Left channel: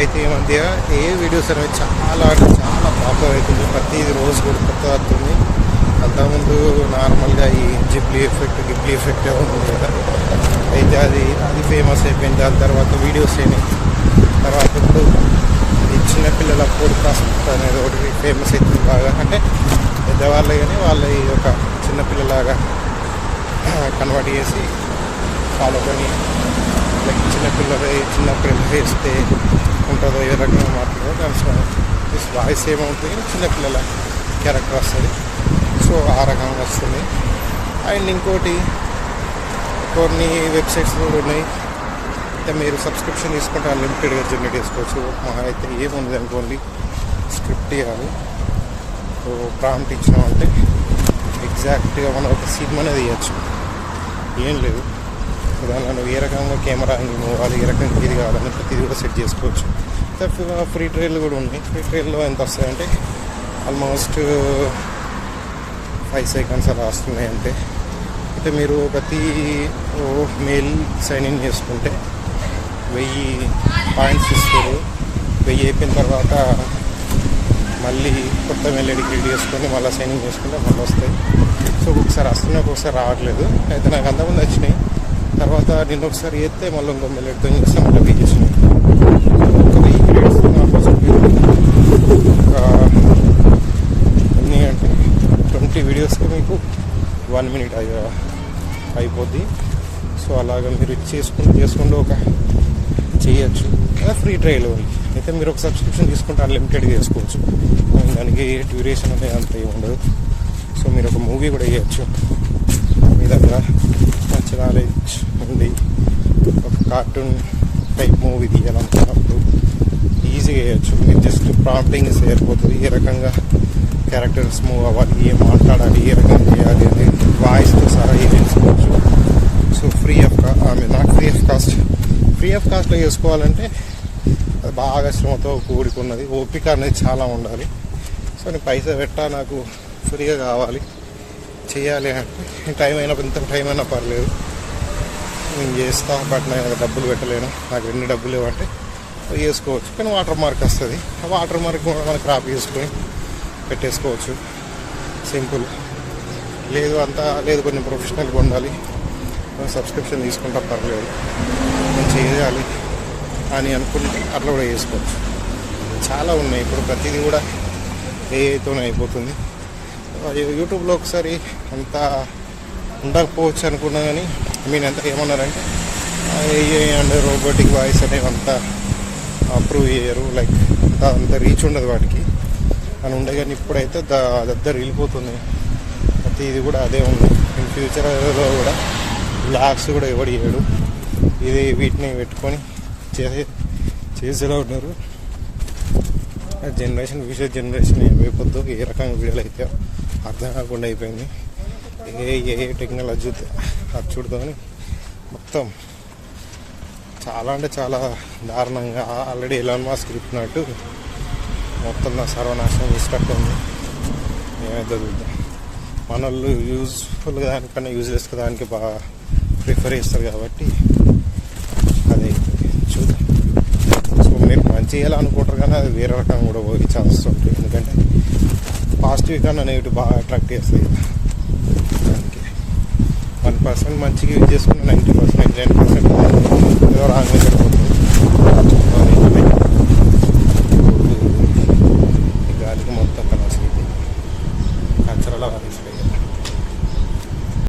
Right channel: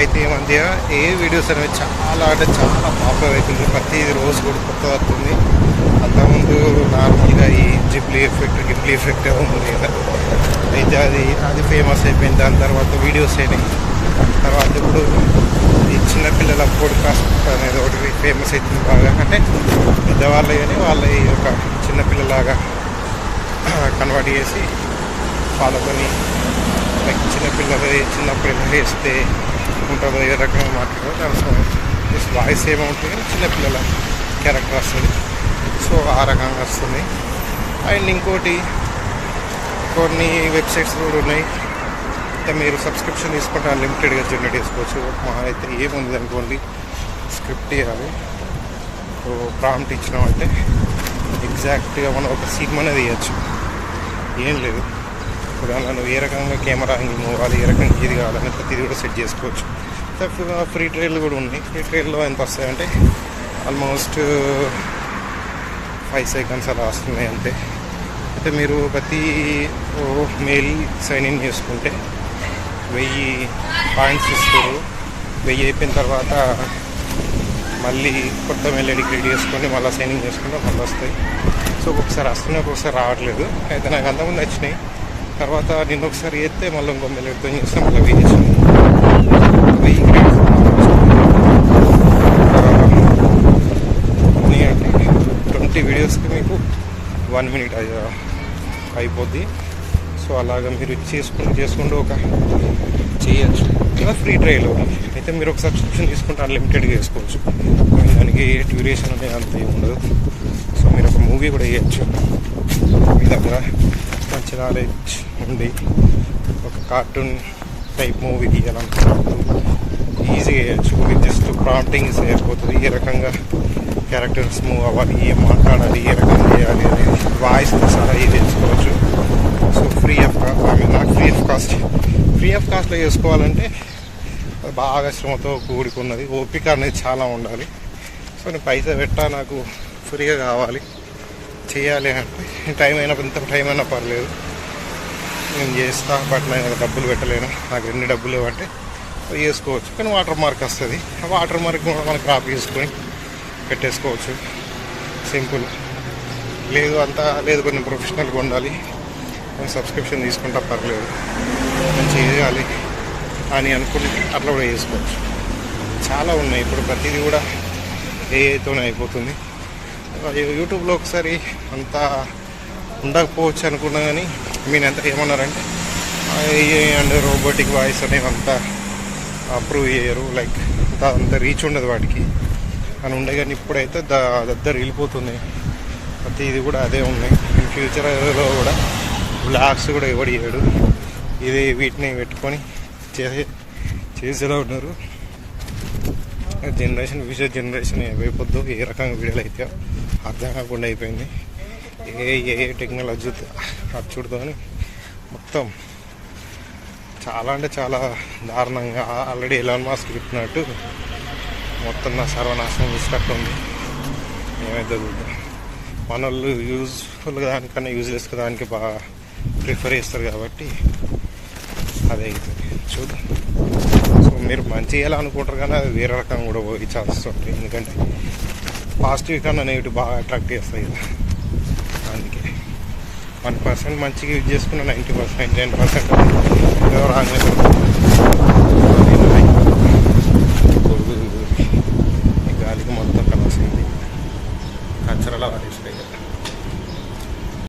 అయితే ఈ మధ్య ఏ వీడియోస్ అనేవి చాలా అంటే చాలా పాపులర్ అవుతుంది. ప్రతి రోజు కూడా కొత్త వస్తుంది. అంతకుముందు నార్మల్గా ఈ గిబ్లీ ఎఫెక్ట్ ఉంది కదా, అయితే అది ఫేమస్ అయిపోయింది. దాని తర్వాత వీడియోస్ అయినాయి. తర్వాత ఇప్పుడు ఈ చిన్నపిల్లల పోడ్కాస్ట్ అనేది ఒకటి ఫేమస్ అవుతుంది బాగా. అంటే పెద్దవాళ్ళు కానీ వాళ్ళ ఒక చిన్నపిల్లలాగా కన్వర్ట్ చేసి వాళ్ళని లైక్ చిన్నపిల్లలు చిన్నప్పుడు ఎలా వేస్తే ఉంటుందో ఏ రకంగా మాట్లాడో దాని వాయిస్ ఏమవుతుంది కానీ చిన్నపిల్లల క్యారెక్టర్ వస్తుంది. సో ఆ రకంగా వస్తుంది. అండ్ ఇంకోటి కొన్ని వెబ్సైట్స్ కూడా ఉన్నాయి. అయితే మీరు సబ్స్క్రిప్షన్ తీసుకుంటే అన్లిమిటెడ్గా జనరేట్ చేసుకోవచ్చు. మా అయితే ఏముంది అనుకోండి, స్క్రిప్ట్ ఇవ్వాలి, సో ప్రాంప్ట్ ఇచ్చినామంటే ఎగ్జాక్ట్గా మనం ఒక సినిమానే తీయచ్చు. ఏం లేదు, దానిలో నువ్వు ఏ రకంగా కెమెరా మూవాలి, ఏ రకంగా ఇది కావాలని ప్రతిదీ కూడా సెట్ చేసుకోవచ్చు. ఫ్రీ ట్రయల్ కూడా ఉన్నాయి. ఫ్రీ ట్రయల్లో ఎంత వస్తాయంటే ఆల్మోస్ట్ 5 seconds అలా వస్తున్నాయి అంతే. అయితే మీరు ప్రతి మెయిల్ సైన్ ఇన్ చేసుకుంటే 1000 పాయింట్స్ ఇస్తారు. 1000 అయిపోయిన తర్వాత మళ్ళీ కొత్త మెయిల్ ఐడి క్రియేట్ చేసుకొని మళ్ళీ సైన్ ఇన్ చేసుకుంటే మళ్ళీ వస్తాయి. సో ఒక్కొక్కసారి వస్తున్నాయి, ఒక్కొక్కసారి రావట్లేదు. అయితే నాకు అంతకుముందు వచ్చినాయి. తర్వాత నిన్న ఒకసారి చేస్తే మళ్ళీ ఇంకో మెయిల్ ఐడితో చేస్తే మళ్ళీ 1000 వచ్చినాయి. 1000 క్రియేట్స్ అన్నీ అంటే 20 వీడియోస్కి మీకు 1 minute అయిపోద్ది. సో అలాగా మీరు చేసుకుంటూ ఒక చేయొచ్చు. ఇలా ఫ్రీ ట్రయల్ అయితే మీరు ఒక సబ్స్క్రిప్షన్ తీసుకుంటే అన్లిమిటెడ్గా చేసుకోవచ్చు. దానికి డ్యూరేషన్ అనేది అంత ఏమి ఉండదు. సో మీరు ఒక మూవీ కూడా వేయచ్చు. మీ దగ్గర మంచి నాలెడ్జ్ ఉండి ఒక కార్టూన్ టైప్ మూవీ తీయాలనుకున్నప్పుడు ఈజీగా వేయచ్చు. మీరు జస్ట్ ప్రాంప్టింగ్ సరిపోతుంది. ఏ రకంగా క్యారెక్టర్స్ మూవ్ అవ్వాలి, ఏం మాట్లాడాలి, ఏ రకంగా చేయాలి అనేది వాయిస్తో సహా ఇది తెలుసుకోవచ్చు. సో నాట్ ఫ్రీ ఆఫ్ కాస్ట్లో చేసుకోవాలంటే అది బాగా శ్రమతో కూడుకున్నది. ఓపిక అనేది చాలా ఉండాలి. సో నేను పైసా పెట్టా, నాకు ఫ్రీగా కావాలి, చేయాలి అంటే టైం అయినా పర్లేదు నేను చేస్తా. బట్ నేను డబ్బులు పెట్టలేను, నాకు ఎన్ని డబ్బులు ఇవ్వంటే చేసుకోవచ్చు. కానీ వాటర్ మార్క్ వస్తుంది. ఆ వాటర్ మార్క్ మనం క్రాప్ చేసుకొని పెట్టేసుకోవచ్చు. సింపుల్. లేదు కొంచెం ప్రొఫెషనల్గా ఉండాలి, సబ్స్క్రిప్షన్ తీసుకుంటా పర్లేదు, నేను చేయాలి అని అనుకుంటే అట్లా కూడా చేసుకోవచ్చు. చాలా ఉన్నాయి. ఇప్పుడు ప్రతిదీ కూడా ఏఐతోనే అయిపోతుంది. యూట్యూబ్లో ఒకసారి అంత ఉండకపోవచ్చు అనుకున్నా కానీ అంతా ఏమన్నారంటే ఏఐ అండ్ రోబోటిక్ వాయిస్ అనేవి అంతా అప్రూవ్ చేయరు, లైక్ అంత రీచ్ ఉండదు వాటికి అని ఉండే. కానీ ఇప్పుడైతే దగ్గర వెళ్ళిపోతున్నాయి. ప్రతిది కూడా అదే ఉన్నాయి. ఇన్ ఫ్యూచర్లో కూడా బ్లాగ్స్ కూడా ఎవడు చేయడు, ఇది వీటిని పెట్టుకొని చేసేలా ఉన్నారు. ఫ్యూచర్ జనరేషన్ ఏమైపోద్దో, ఏ రకంగా వీడియోలు అయితే అర్థం కాకుండా అయిపోయింది. ఏ టెక్నాలజీ అచ్చుడుతో అని మొత్తం చాలా అంటే చాలా దారుణంగా ఆల్రెడీ ఎలాన్ మాస్క్ చెప్పినట్టు మొత్తం నా సర్వనాశనం చేసేటట్టు ఉంది. ఏమైతే చూద్దాం. మన వాళ్ళు యూజ్ఫుల్ దానికన్నా యూజ్లెస్ దానికి బాగా ప్రిఫర్ చేస్తారు కాబట్టి అదే చూద్దాం. సో మీరు మంచి చేయాలనుకుంటారు కానీ అది వేరే రకంగా కూడా పోయి ఛాన్సెస్ ఉంటాయి. ఎందుకంటే పాజిటివ్ కన్నా నెగిటివ్ బాగా అట్రాక్ట్ చేస్తుంది కదా. అందుకే 1% మంచిగా యూజ్ చేసుకున్న 90%, 99% ఏదో రాంగ్ గాలికి మొత్తం కలర్స్ అయింది. కచ్చరలా వారేస్తాయి కదా.